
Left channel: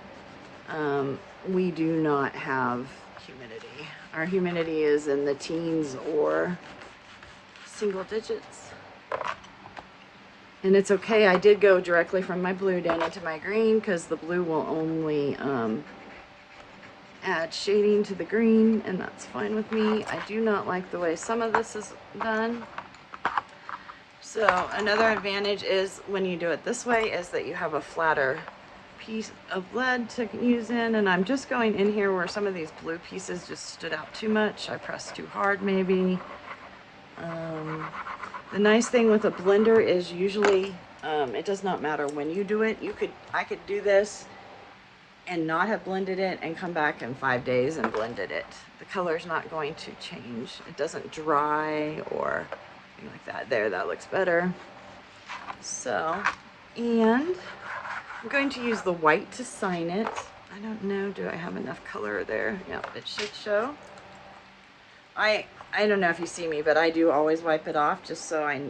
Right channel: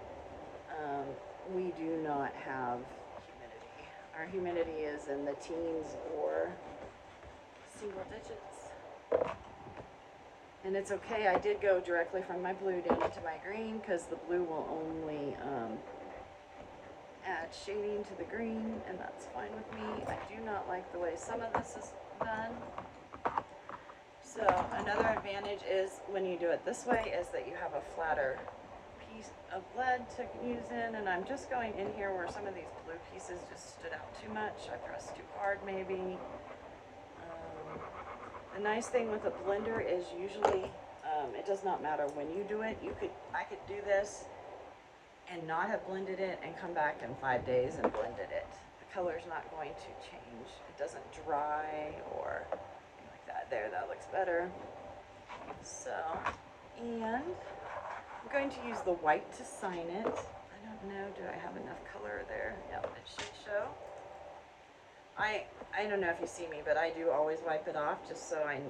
we do not have humidity. Our humidity is in the teens or single digits. And it's okay. I did go directly from my blue down into my green, because the blue will only add shading to the green, and that's fine with me. I do not like the way some of this is done. So another advantage is when you do it this way is that you have a flatter piece of lead to use in, and I'm just going in here where some of these blue pieces just stood out too much. I pressed too hard maybe. The nice thing with a blender is usually it does not matter when you do it. I could do this and not have blended it and come back in 5 days and blended it. The color's not going to change. It doesn't dry or anything like that. There, that looks better. So, and I'm going to use the white to sign it. I don't know, do I have enough color there? Yep, it should show. I don't know if you see me, but I do always wipe it off, just so I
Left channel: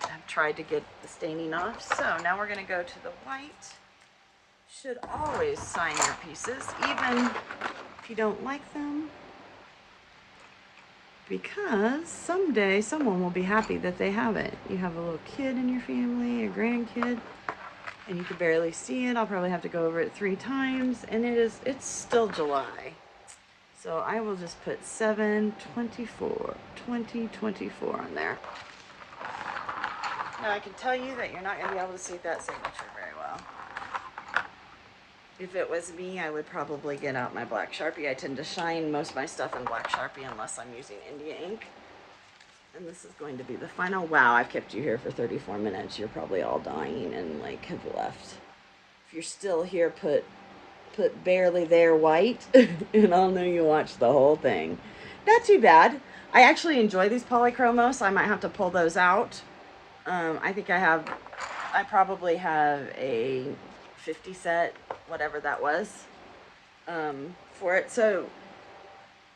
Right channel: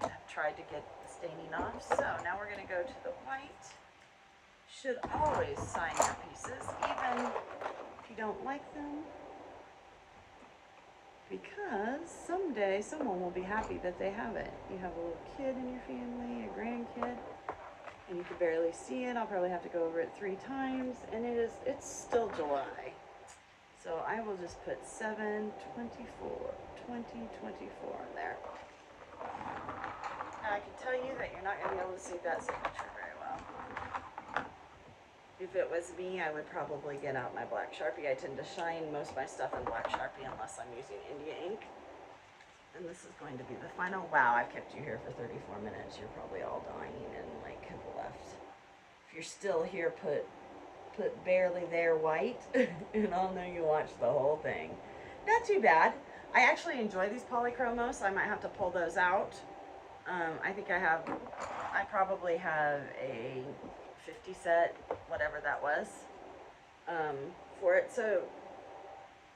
have tried to get the staining off. So now we're going to go to the white. Should always sign your pieces, even if you don't like them, because someday someone will be happy that they have it. You have a little kid in your family, a grandkid, and you can barely see it. I'll probably have to go over it 3 times, and it's still July. So I will just put 7/24/2024 on there. Now I can tell you that you're not going to be able to see that signature very well. If it was me, I would probably get out my black Sharpie. I tend to shine most of my stuff in black Sharpie unless I'm using India ink. And this is going to be the final. Wow, I've kept you here for 34 minutes. You're probably all dying and like have left. If you're still here, put barely there white, and I'll know you watched the whole thing. Not too bad. I actually enjoy these polychromos. I might have to pull those out. I think I probably have a 50 set, whatever that was, for it. So,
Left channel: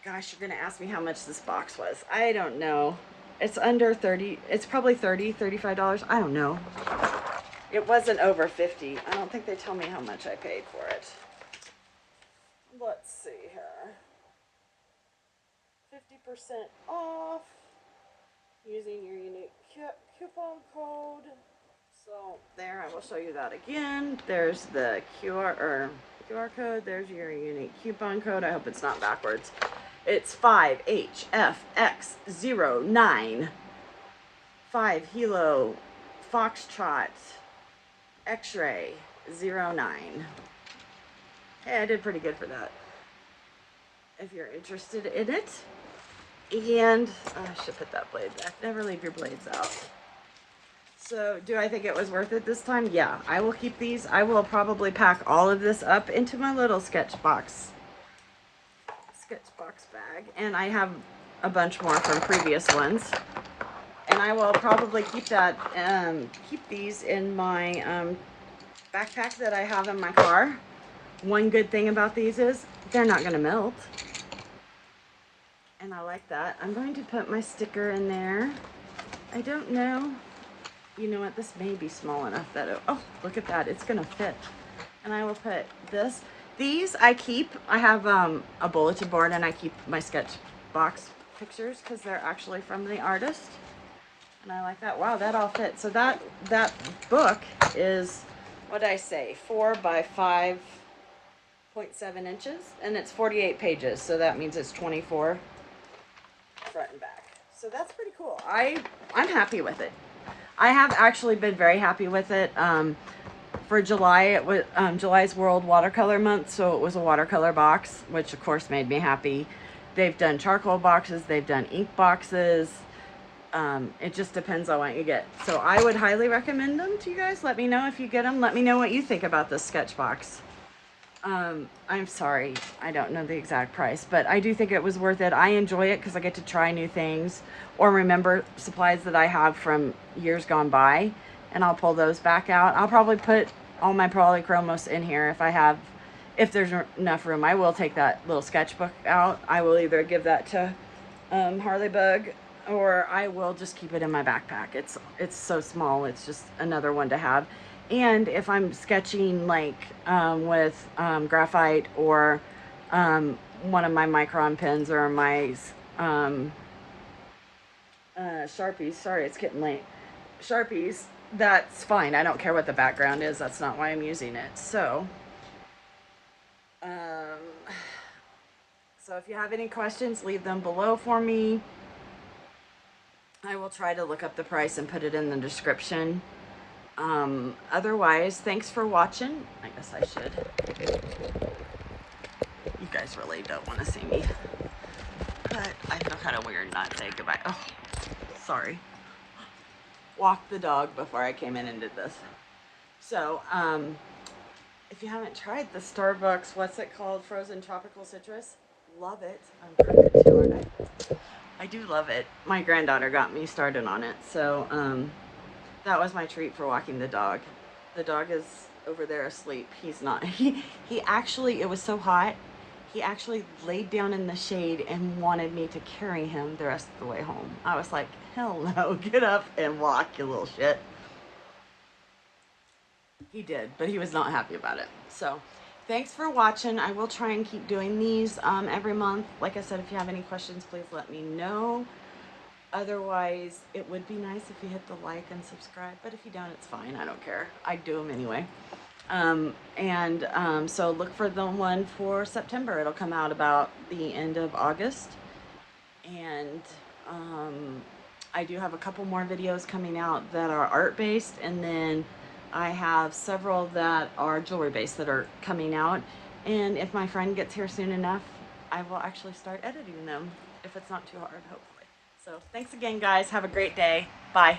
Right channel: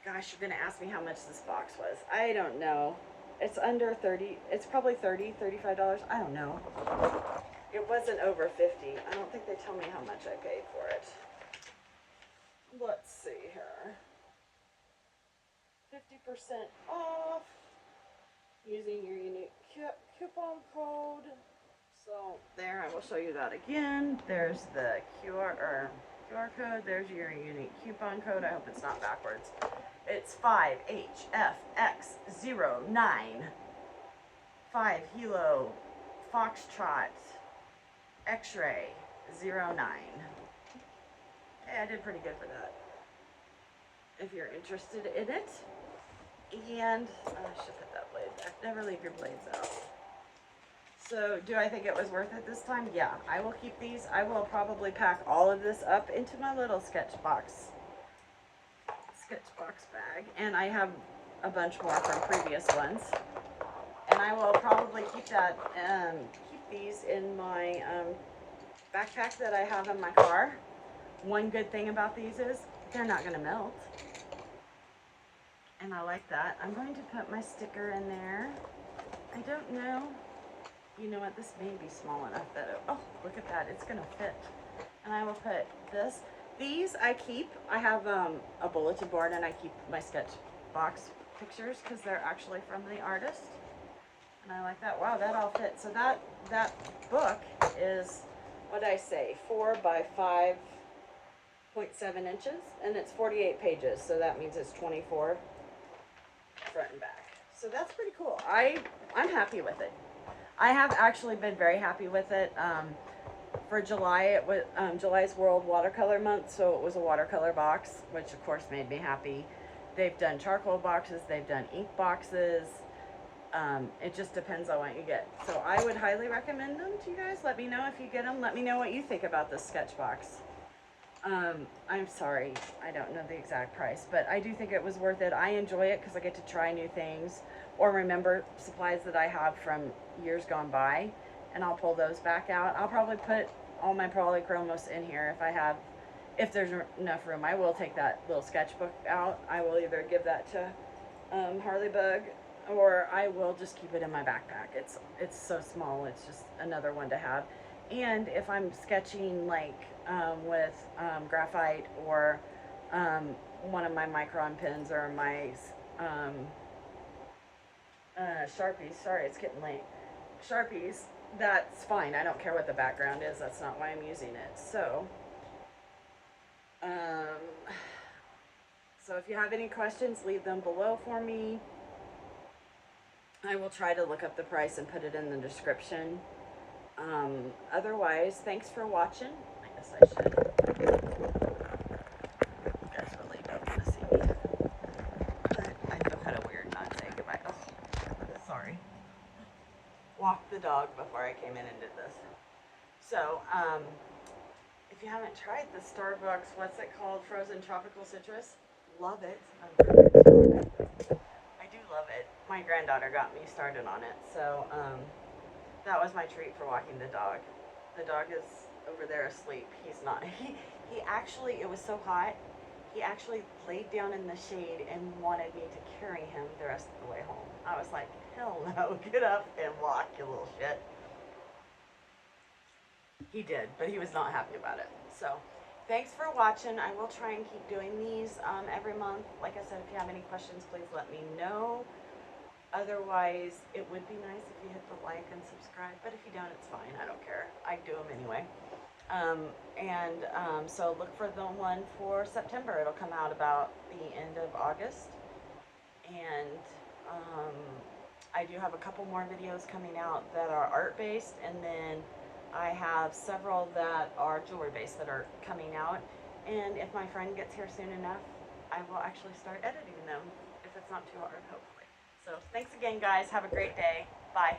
gosh, you're gonna ask me how much this box was. I don't know. It's under 30, it's probably $30, $35. I don't know. It wasn't over 50. I don't think they tell me how much I paid for it. Let's see here. off using your unique coupon code. So there, I will show you that again. There's the QR code. There's your unique coupon code. I hope it's not backwards. It's 5HFX09 5 Hilo Foxtrot X-ray 09. Hey, I did pretty good for that. If you're interested in it. And I should put that blade back. Never leave your blades out. So, do I think it was worth it this time? Yeah, I will keep these. I will probably pack all of this up into my little Sketchbox bag. And I have a bunch more from previous ones. And I will probably keep these in my backpack that I have in my car. One good thing about these is they're not going to melt. And I like that. I'm going to put my sticker in there. I don't know. You know what? This may be small enough that oh, look at that. It's going to fit. And I will put this. These I keep. I have a bulletin board and I keep my Sketchbox pictures because they're actually from the artist. And I like that. Wow, that all fits. So that book is, what did I say, 4 by 5.7 inches. And it's 48 pages. So that means it's 24 front and back. So that's pretty cool. I'm happy with it. I have actually been very happy with it. For July, it was July's World Watercolor Month, so it was a watercolor box, which of course made me happy. They've done charcoal boxes, they've done ink boxes. It just depends on what you get. So I would highly recommend them to you guys. Let me know if you get them. Let me know what you think about this Sketchbox. I'm sorry, I don't know the exact price, but I do think it was worth it. I enjoy it because I get to try new things or remember supplies that I have from years gone by, and I'll pull those back out. I'll probably put all my polychromos in here if there's enough room. I will take that little sketchbook out. I will either give that to Harley Bug, or I will just keep it in my backpack. It's so small, it's just another one to have. And if I'm sketching like with graphite or one of my Micron pens or my Sharpies, sorry, it's getting late, Sharpies, that's fine. I don't care what the background is. That's not why I'm using it. So if you have any questions, leave them below for me. I will try to look up the price and put it in the description. Otherwise, thanks for watching. I guess I should. You guys really don't want to see me. But I feel kind of weird not saying goodbye. Oh, sorry. Walked the dog before I came in and did this. So, if you haven't tried the Starbucks, what's it called? Frozen Tropical Citrus. Love it. I'm perfect too, aren't I do love it. My granddaughter got me started on it. So, that was my treat for walking the dog. The dog is over there asleep. He's not. He actually, it was so hot, he actually laid down in the shade and wanted me to carry him the rest of the way home. I was like, hell no, get up and walk, you little shit. He did, but he was not happy about it. So, thanks for watching. I will try and keep doing these every month. Like I said, if you have any questions, please let me know. Otherwise, it would be nice if you hit the like and subscribe, but if you don't, it's fine. I don't care. I do them anyway. So look for the one for September. It'll come out about the end of August. And I do have a couple more videos coming out that are art-based, and then I have several that are jewelry-based that are coming out. And if my friend gets here soon enough, I will actually start editing them, if it's not too hard, hopefully. So thanks again, guys. Have a great day. Bye.